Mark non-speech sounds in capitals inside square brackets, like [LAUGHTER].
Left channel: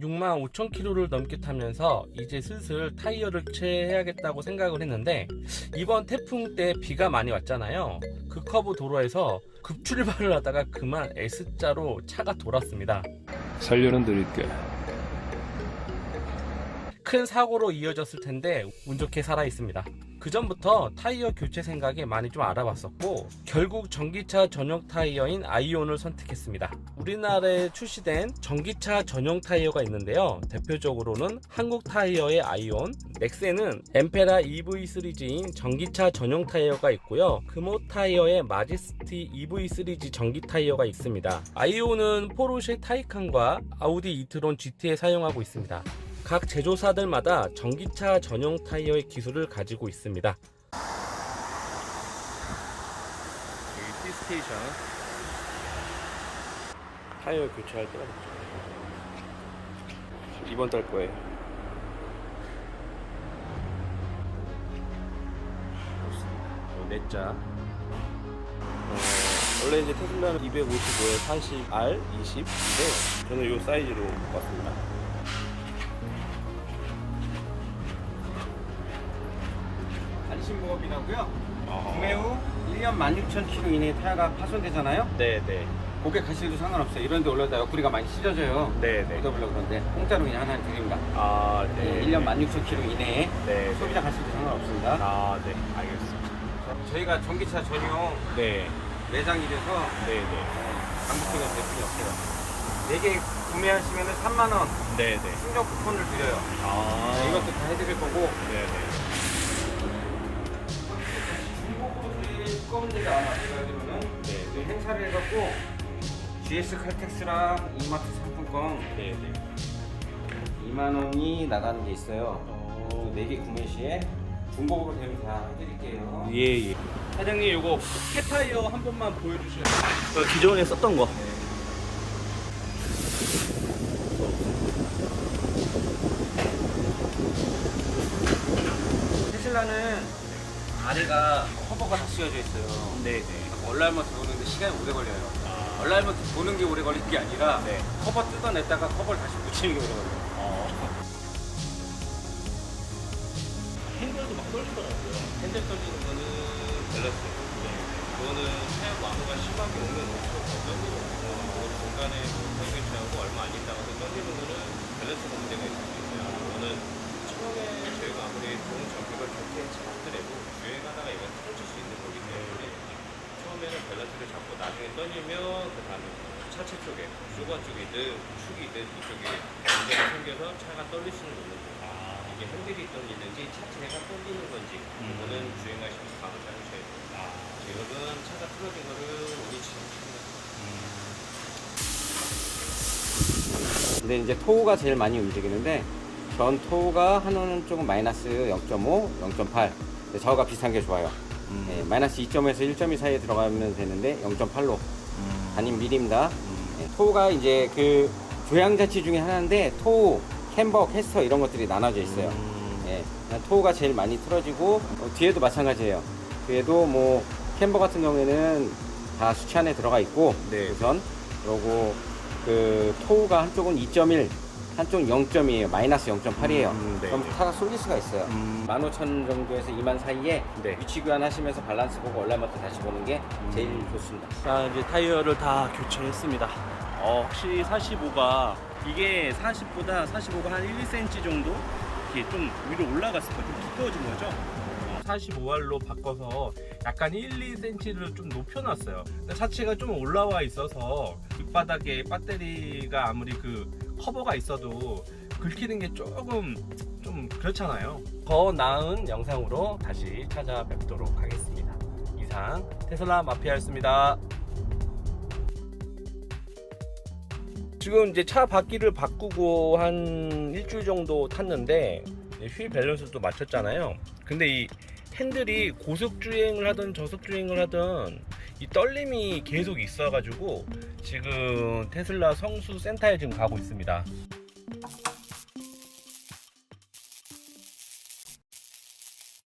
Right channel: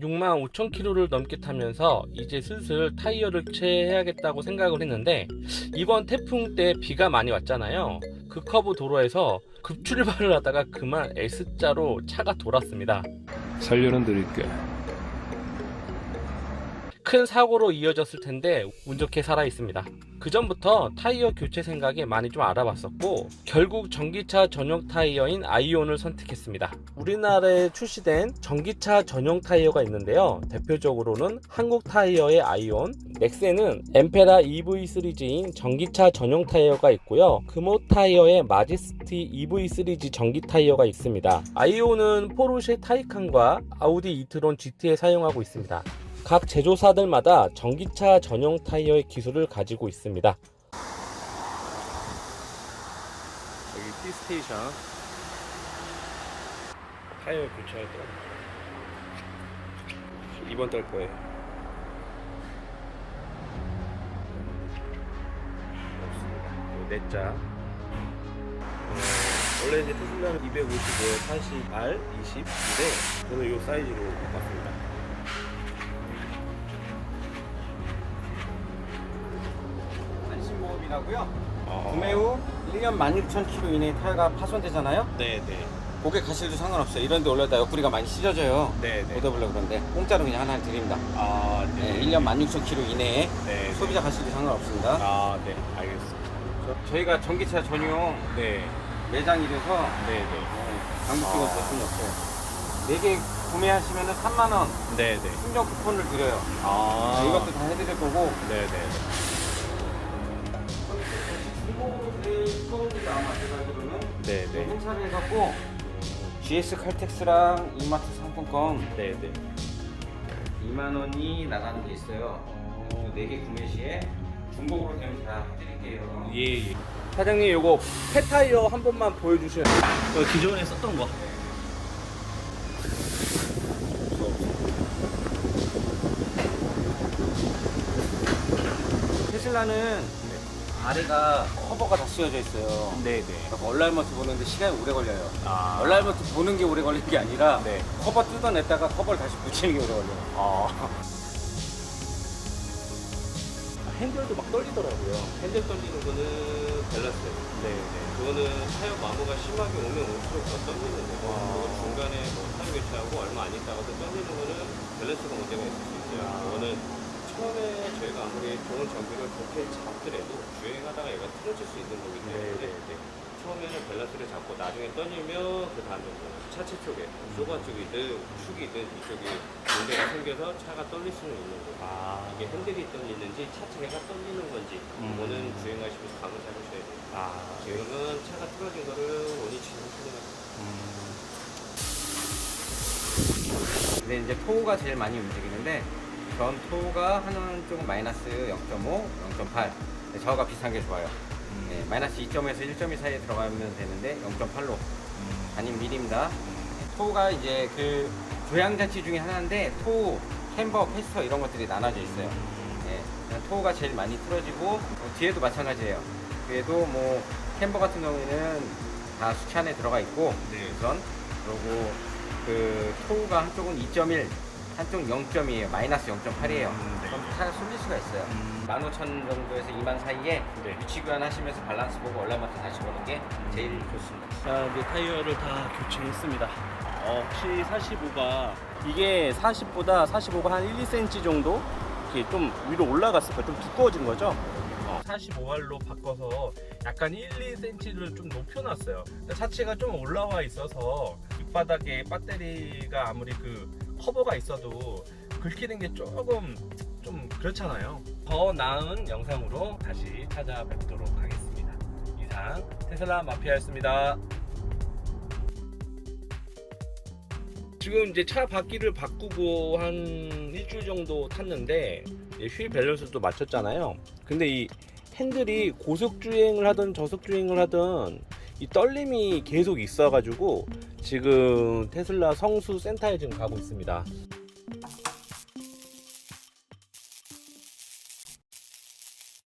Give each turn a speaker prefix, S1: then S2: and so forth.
S1: 6만 5천 킬로를 넘게 타면서 이제 슬슬 타이어를 교체해야겠다고 생각을 했는데 이번 태풍 때 비가 많이 왔잖아요. 그 커브 도로에서 급출발을 하다가 그만 S자로 차가 돌았습니다.
S2: 살려는 드릴게.
S1: 큰 사고로 이어졌을 텐데 운 좋게 살아 있습니다. 그 전부터 타이어 교체 생각에 많이 좀 알아봤었고 결국 전기차 전용 타이어인 아이온을 선택했습니다. 우리나라에 출시된 전기차 전용 타이어가 있는데요. 대표적으로는 한국 타이어의 아이온, 넥센은 엠페라 EV 시리즈인 전기차 전용 타이어가 있고요. 금호 타이어의 마제스티 EV 시리즈 전기 타이어가 있습니다. 아이온은 포르쉐 타이칸과 아우디 이트론 GT에 사용하고 있습니다. 각 제조사들마다 전기차 전용 타이어의 기술을 가지고 있습니다. 여기 T스테이션 타이어 교체할 됐죠. 이번 달 거예요. 없습니다. 요 넷자. 어, 원래 이제 테슬라는 250에 40R 20인데 저는 요 사이즈로 바꿨습니다.
S3: 안심보험이라고요.
S1: 아.
S3: 구매 후 1년 16,000km 이내에 타이어가 파손되잖아요.
S1: 네네.
S3: 고객 가실도 상관없어요. 이런데 올려다 옆구리가 많이 찢어져요.
S1: 네네.
S3: 묻어보려고 그러는데 공짜로 그냥 하나 드립니다.
S1: 아,
S3: 네,
S1: 네.
S3: 1년 16,000km 이내에
S1: 네.
S3: 소비자 가실도 상관없습니다.
S1: 아, 네. 알겠습니다.
S3: 저희가 전기차 전용
S1: 네.
S3: 매장이 돼서
S1: 네네.
S3: 장부피가
S1: 아.
S3: 대충이 없어요. 4개 구매하시면 3만원
S1: 네네.
S3: 충전 쿠폰을 드려요.
S1: 아.
S3: 이것도 다 해드릴 거고
S1: 네네 네.
S3: 중복으로 드릴 겁니다. 아마 제가 알기로는 네,
S1: 네네.
S3: 행사를 해갖고 GS 칼텍스랑 이마트 상품권
S1: 네 네.
S3: 2만 원이 나가는 게 있어요.
S1: 어.
S3: 4개 구매 시에 중고급을 되면 다 해드릴게요.
S1: 예, 예. 사장님, 요거 폐타이어 한 번만 보여주셔야 돼요. 어, 기존에 썼던 거.
S3: 테슬라는 아래가 커버가 다 쓰여져 있어요.
S1: 네네.
S3: 그러니까 얼라이먼트 보는데 시간이 오래 걸려요.
S1: 아.
S3: 얼라이먼트 보는 게 오래 걸릴 게 아니라
S1: 네.
S3: 커버 뜯어냈다가 커버를 다시 붙이는 게 오래 걸려요.
S1: 아. [LAUGHS] 핸들도 막 떨리더라고요. 핸들 떨리는 거는 밸런스. 네. 그거는 사용 마모가 심하게 오면 올수록 더 떨리는 거고, 중간에 사용이 지나고 얼마 안 있다가 또 떨리는 거는 밸런스 문제가 있을 수 있어요. 그거는 처음에 저희가 아무리 좋은 장비가 좋게 잡더라도 주행하다가 이걸 틀어질 수 있는 거기 때문에 이제 처음에는 밸런스를 잡고 나중에 떨리면 그 다음에 차체 쪽에 소가 쪽이든 축이든 이쪽에 문제가 생겨서 차가 떨릴 수는 있는 거예요. 이게 핸들이 떨리는지 차체가 떨리는 건지 그거는 주행하시면서 가서 해보셔야 돼요. 아, 여러분 차가 틀어진 거를 원위치는 차량
S3: 근데 이제 토우가 제일 많이 움직이는데 전 토우가 하나는 조금 마이너스 0.5, 0.8 근데 저가 비슷한 게 좋아요 네, 마이너스 2점에서 1.2 사이에 들어가면 되는데 0.8로. 아닌 미리입니다. 네, 토우가 이제 그 조향자치 중에 하나인데 토우, 캠버, 캐스터 이런 것들이 나눠져 있어요. 네, 토우가 제일 많이 틀어지고 어, 뒤에도 마찬가지예요. 뒤에도 뭐 캠버 같은 경우에는 다 수치 안에 들어가 있고
S1: 네.
S3: 우선 요거 그 토우가 한쪽은 2.1 한쪽은 0점이에요 마이너스 0.8이에요
S1: 음, 네.
S3: 그럼 차가 쏠릴 수가 있어요
S1: 음.
S3: 15,000 정도에서 2만 사이에
S1: 네.
S3: 위치 교환하시면서 밸런스 보고 얼라마트 다시 보는 게 제일 좋습니다
S1: 자 이제 타이어를 다 교체했습니다. 어, 확실히 45가 이게 40보다 45가 한 1, 2cm 정도 이렇게 좀 위로 올라갔으니까 좀 두꺼워진 거죠. 45알로 바꿔서 약간 1, 2cm를 좀 높여놨어요. 차체가 좀 올라와 있어서 밑바닥에 배터리가 아무리 그 커버가 있어도 긁히는 게 조금 좀 그렇잖아요. 더 나은 영상으로 다시 찾아뵙도록 하겠습니다. 이상 테슬라 마피아였습니다. 지금 이제 차 바퀴를 바꾸고 한 일주일 정도 탔는데 휠 밸런스도 맞췄잖아요. 근데 이 핸들이 고속 주행을 하든 저속 주행을 하든 이 떨림이 계속 있어가지고 지금 테슬라 성수 센터에 지금 가고 있습니다.